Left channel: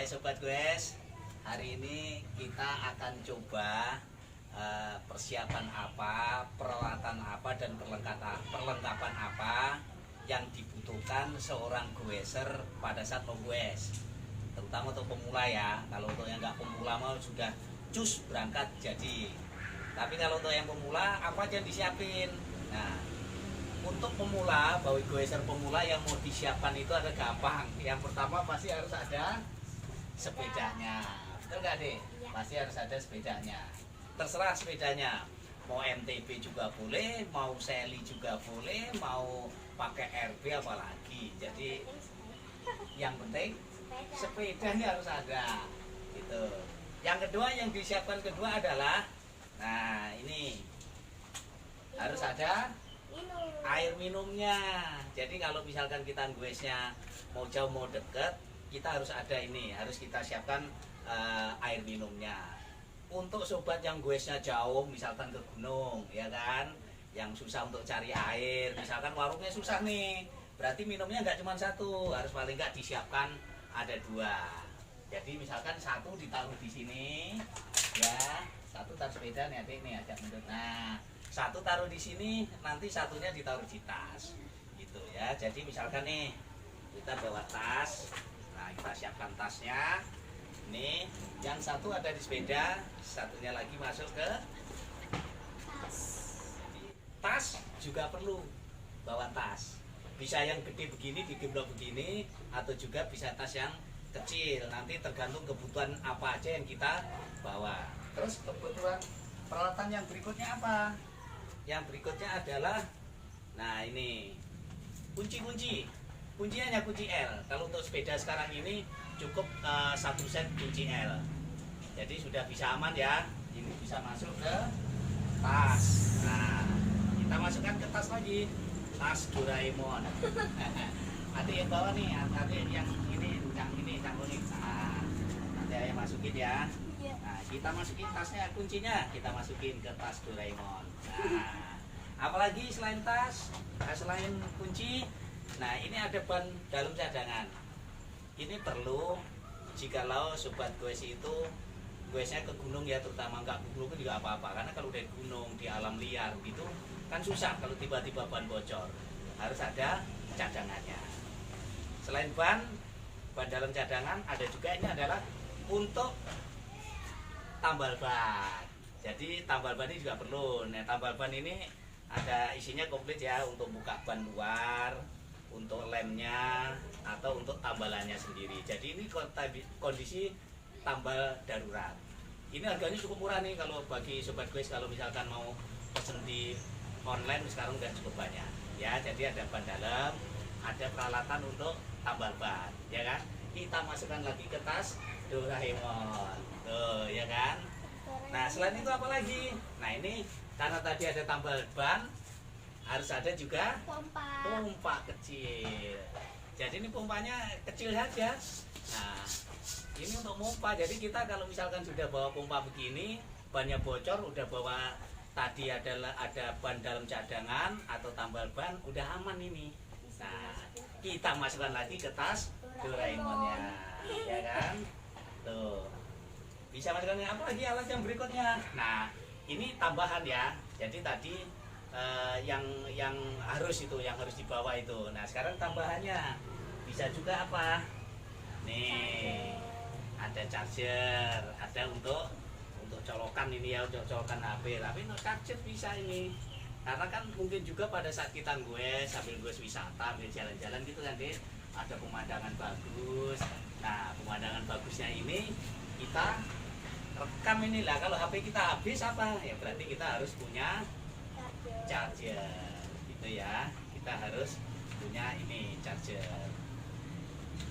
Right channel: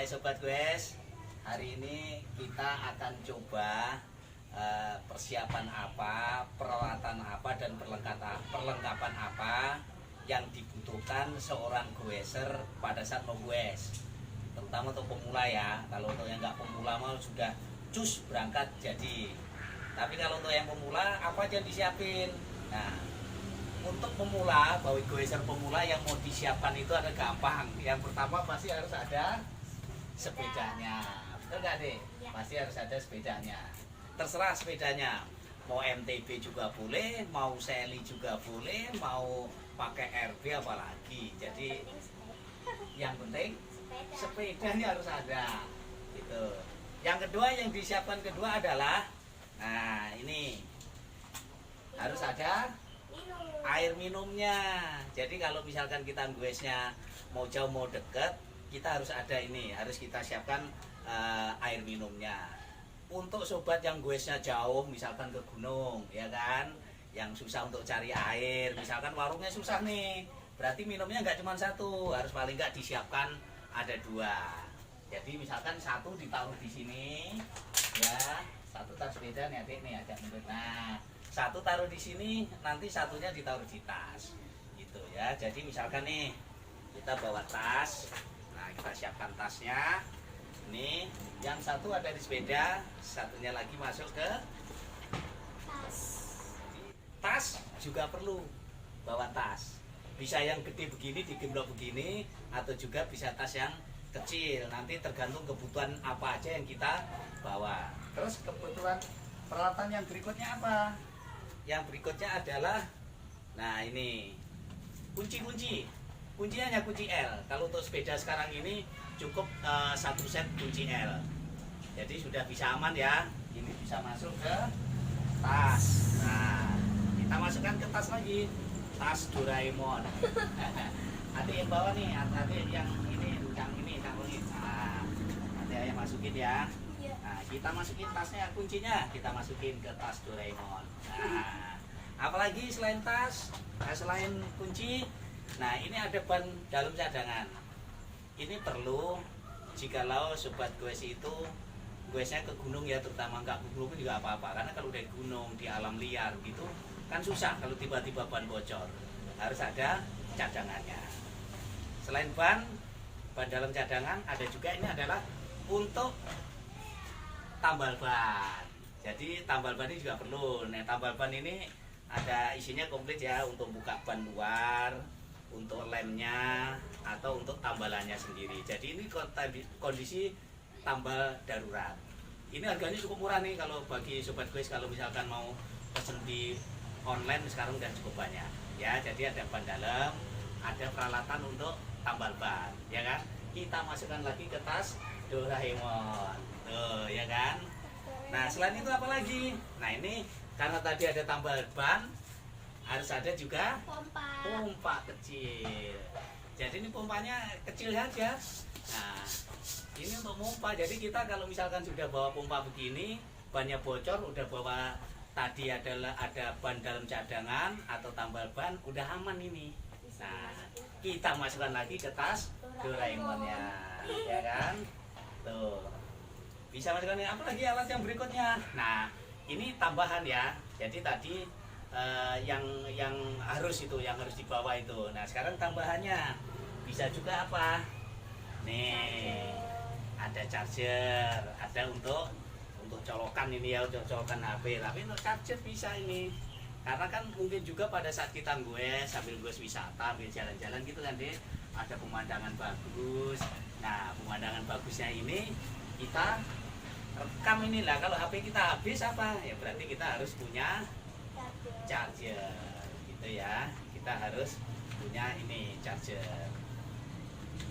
Hai Sobat Goes, hari ini kita akan coba persiapan apa, peralatan apa, dan perlengkapan apa yang dibutuhkan seorang goeser pada saat menggoes. Terutama untuk pemula ya, kalau untuk yang nggak pemula mau sudah cus berangkat jadi. Tapi kalau untuk yang pemula apa aja disiapin. Nah, untuk pemula, bagi goeser pemula yang mau disiapkan itu ada gampang. Yang pertama pasti harus ada sepedanya, betul nggak deh? Ya. Pasti harus ada sepedanya. Terserah sepedanya, mau MTB juga boleh, mau Sally juga boleh, mau pakai RB apalagi. Jadi yang penting sepedanya harus ada. Gitu. Yang kedua yang disiapkan kedua adalah, nah ini harus ada air minumnya. Jadi kalau misalkan kita goesnya mau jauh mau deket, kita harus ada ini, harus kita siapkan air minumnya. Untuk sobat yang goesnya jauh, misalkan ke gunung, ya kan, yang susah untuk cari air, misalkan warungnya susah nih, berarti minumnya nggak cuma satu, harus paling nggak disiapkan ada dua. Jadi misalkan satu ditaruh di sini, ya, satu taruh sepeda nih adik nih, agak mundur. Nah, satu taruh di sini, nanti satunya ditaruh di tas, gitu ya. Jadi misalkan nih kita bawa tas. Nah, kita siapkan tasnya. Ini yang satu ada di sepeda, satunya lagi masuk ke tas. Juga perlu bawa tas. Bisa yang gede begini, digemblok begini, atau juga bisa tas yang kecil. Nanti tergantung kebutuhan apa aja yang kita bawa. Terus kebutuhan peralatan yang berikutnya apa? Yang berikutnya adalah, nah ini kunci-kunci. Kuncinya hanya kunci L. Kalau untuk sepeda sekarang ini cukup satu set kunci L. Jadi sudah bisa aman ya. Ini bisa masuk ke tas. Nah, kita masukkan ke tas lagi. Tas Doraemon. Ada yang bawa nih, ada yang ini, tanggung. Nah, nanti ayah masukin ya. Nah, kita masukin tasnya, kuncinya kita masukin ke tas Doraemon. Nah, apalagi selain tas, selain kunci. Nah, ini ada ban dalam cadangan. Ini perlu jikalau sobat goes itu goesnya ke gunung ya, terutama nggak ke gunung juga apa-apa. Karena kalau udah gunung di alam liar gitu kan susah kalau tiba-tiba ban bocor. Harus ada cadangannya. Selain ban dalam cadangan, ada juga ini adalah untuk tambal ban. Jadi tambal ban ini juga perlu. Nah, tambal ban ini ada isinya komplit ya, untuk buka ban luar, untuk lemnya, atau untuk tambalannya sendiri. Jadi ini kondisi tambal darurat. Ini harganya cukup murah nih kalau bagi sobat goes, kalau misalkan mau pesen di online sekarang udah cukup banyak ya. Jadi ada ban dalam, ada peralatan untuk tambal ban, ya kan. Kita masukkan lagi ke tas Doraemon, tuh ya kan. Nah, selain itu apa lagi? Nah, ini karena tadi ada tambal ban, harus ada juga pompa kecil. Jadi ini pompanya kecil saja. Nah, ini untuk pompa. Jadi kita kalau misalkan sudah bawa pompa begini, bannya bocor, udah bawa tadi ada ban dalam cadangan atau tambal ban, udah aman ini. Nah, kita masukkan lagi ke tas Doraemonnya, ya kan? Tuh. Bisa masukkan apa lagi alat yang berikutnya? Nah, ini tambahan ya. Jadi tadi yang harus dibawa itu. Nah, sekarang tambahannya bisa juga apa? Nih, ada charger, ada untuk colokan ini ya, untuk colokan HP. Tapi untuk charger bisa ini. Karena kan mungkin juga pada saat kita goes, sambil goes wisata, sambil jalan-jalan gitu kan deh, ada pemandangan bagus. Nah, pemandangan bagusnya ini kita rekam inilah. Kalau HP kita habis apa? Ya berarti kita harus punya charger, gitu ya. Kita harus punya ini charger.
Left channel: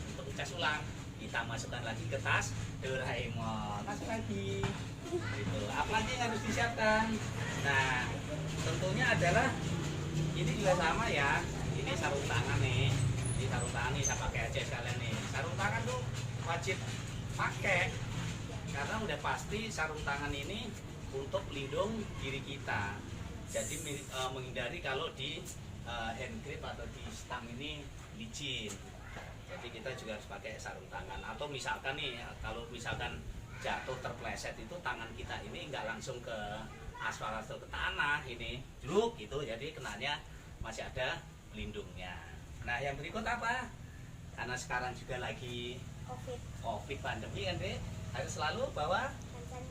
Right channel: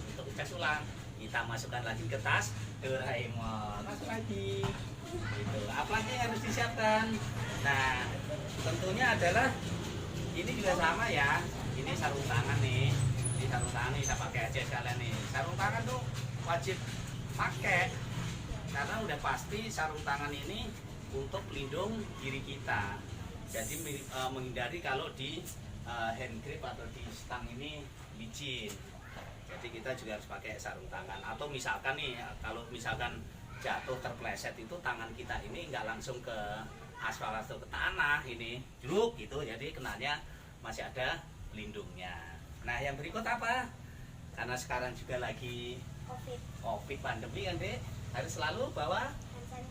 Untuk cas ulang, kita masukkan lagi ke tas Doraemon. Masuk lagi. Gitu. Apalagi yang harus disiapkan? Nah, tentunya adalah ini juga sama ya. Ini sarung tangan nih. Ini sarung tangan nih, saya pakai aja sekalian nih. Sarung tangan tuh wajib pakai. Karena udah pasti sarung tangan ini untuk pelindung diri kita. Jadi menghindari kalau di hand grip atau di stang ini licin. Jadi kita juga harus pakai sarung tangan. Atau misalkan nih, kalau misalkan jatuh terpleset itu tangan kita ini nggak langsung ke aspal atau ke tanah ini, druk gitu. Jadi kenanya masih ada pelindungnya. Nah yang berikut apa? Karena sekarang juga lagi COVID pandemi kan Dek, harus selalu bawa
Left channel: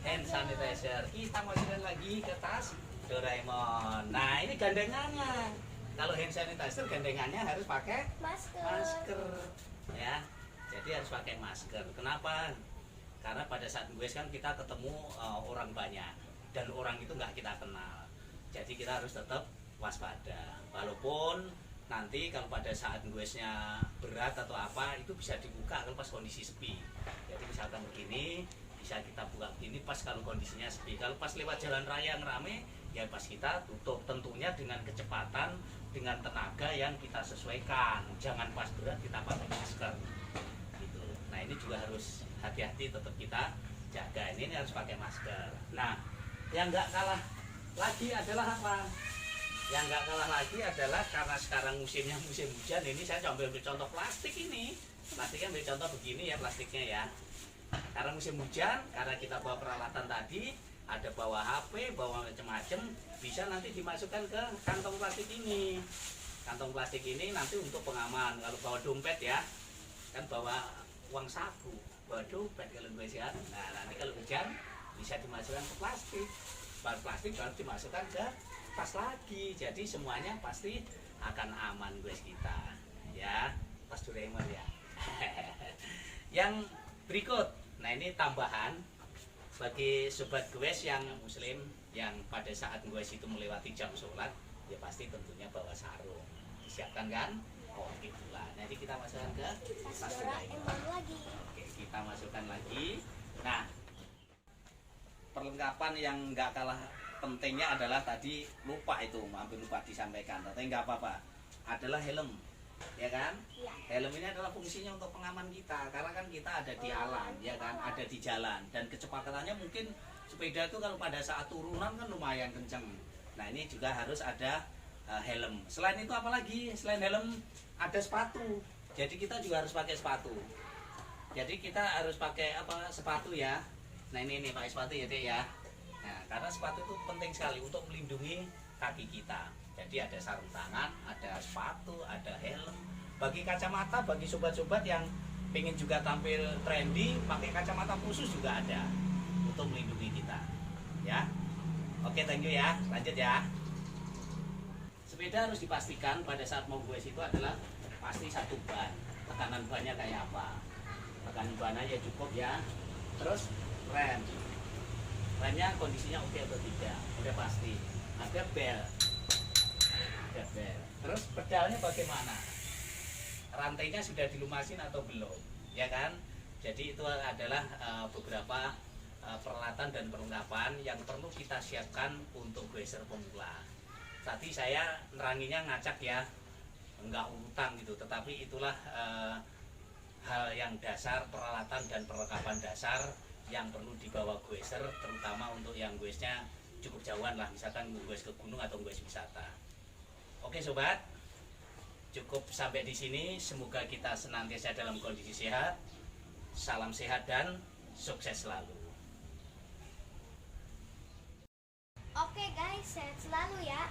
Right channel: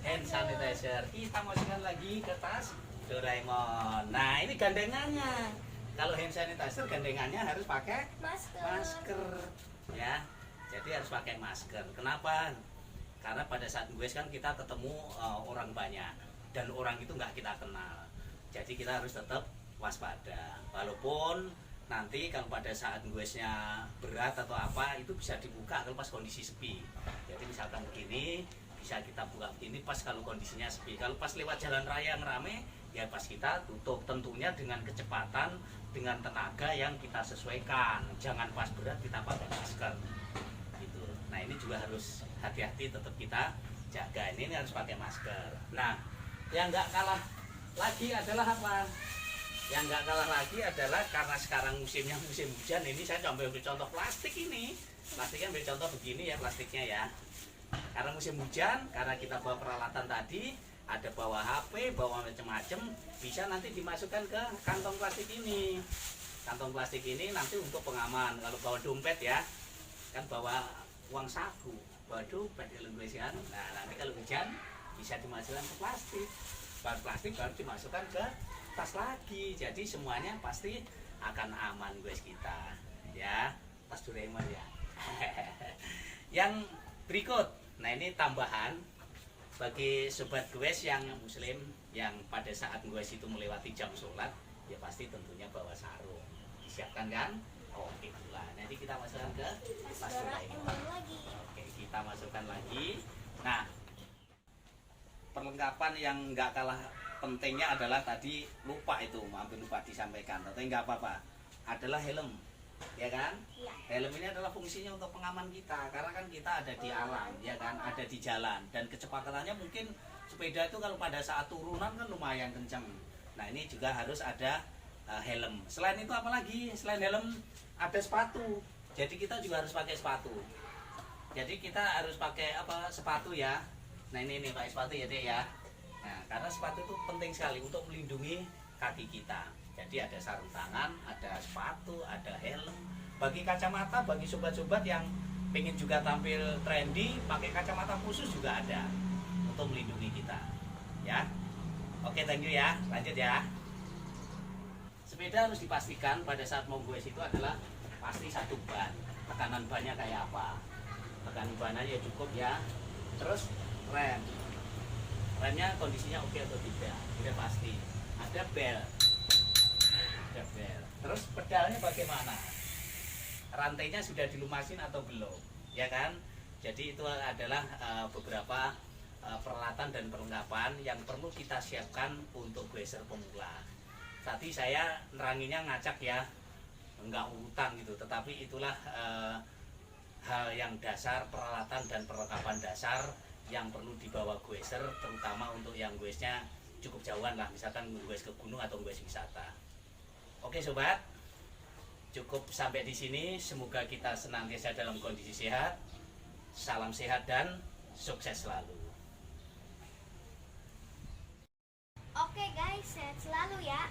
hand sanitizer. Kita masukkan lagi ke tas Doraemon. Nah ini gandengannya. Kalau hand sanitizer gandengannya harus pakai masker ya. Jadi harus pakai masker. Kenapa? Karena pada saat gue kan kita ketemu orang banyak dan orang itu nggak kita kenal. Jadi kita harus tetap waspada. Walaupun nanti kalau pada saat gue-nya berat atau apa itu bisa dibuka kalau pas kondisi sepi. Jadi misalkan begini bisa kita buka begini pas kalau kondisinya sepi. Kalau pas lewat jalan raya yang rame ya pas kita tutup, tentunya dengan kecepatan, dengan tenaga yang kita sesuaikan. Jangan pas berat kita pakai masker gitu. Nah ini juga harus hati-hati, tetap kita jaga. Ini harus pakai masker. Nah yang nggak kalah lagi adalah apa? Yang nggak kalah lagi adalah karena sekarang musimnya musim hujan. Ini saya ambil contoh plastik ini. Plastiknya ambil contoh begini ya plastiknya ya. Karena musim hujan, karena kita bawa peralatan tadi, ada bawa HP, bawa macam-macam, bisa nanti dimasukkan ke kantong plastik ini. Kantong plastik ini nanti untuk pengaman. Kalau bawa dompet ya, kan bawa uang saku, bawa dompet kalau hujan. Nah nanti kalau hujan bisa dimasukkan ke plastik. Bahan plastik baru dimasukkan ke tas lagi. Jadi semuanya pasti akan aman guys kita. Ya, tas Doraemon ya. Yang berikut, nah ini tambahan bagi sobat goes yang muslim yang pada saat goes itu melewati jam sholat ya pasti tentunya bawa sarung. Disiapkan kan? Oke pula. Nanti kita masukkan ke tas Doraemon lagi. Oke, kita masukkan lagi. Nah, perlengkapan yang nggak kalah pentingnya adalah tadi lupa itu, hampir lupa disampaikan. Tapi nggak apa-apa. Adalah helm. Ya kan? Ya. Helm ini adalah fungsinya untuk pengaman kita karena kan kita ada di alam ya kan, ada di jalan dan kecepatannya mungkin sepeda itu kalau pada saat turunan kan lumayan kencang. Nah ini juga harus ada helm. Selain itu apalagi? Selain helm ada sepatu. Jadi kita juga harus pakai sepatu. Jadi kita harus pakai apa? Sepatu ya. Nah ini pakai sepatu ya Dek ya. Nah karena sepatu itu penting sekali untuk melindungi kaki kita. Jadi ada sarung tangan, ada sepatu, ada helm. Bagi kacamata, bagi sobat-sobat yang pengen juga tampil trendy, pakai kacamata khusus juga ada untuk melindungi kita. Ya, oke, thank you ya. Lanjut ya. Sepeda harus dipastikan pada saat mau goes itu adalah pasti satu ban. Tekanan bannya kayak apa? Tekanan bannya ya cukup ya. Terus rem, remnya kondisinya oke atau tidak? Sudah pasti. Ada bel. Terus pedalnya bagaimana? Rantainya sudah dilumasin atau belum? Ya kan? Jadi itu adalah beberapa peralatan dan perlengkapan yang perlu kita siapkan untuk goeser pemula. Tadi saya neranginya ngacak ya, enggak urutan gitu. Tetapi itulah hal yang dasar, peralatan dan perlengkapan dasar yang perlu dibawa goeser, terutama untuk yang goesnya cukup jauhan lah, misalkan goes ke gunung atau goes wisata. Oke sobat, cukup sampai di sini. Semoga kita senantiasa dalam kondisi sehat. Salam sehat dan sukses selalu. Oke guys, sehat selalu ya.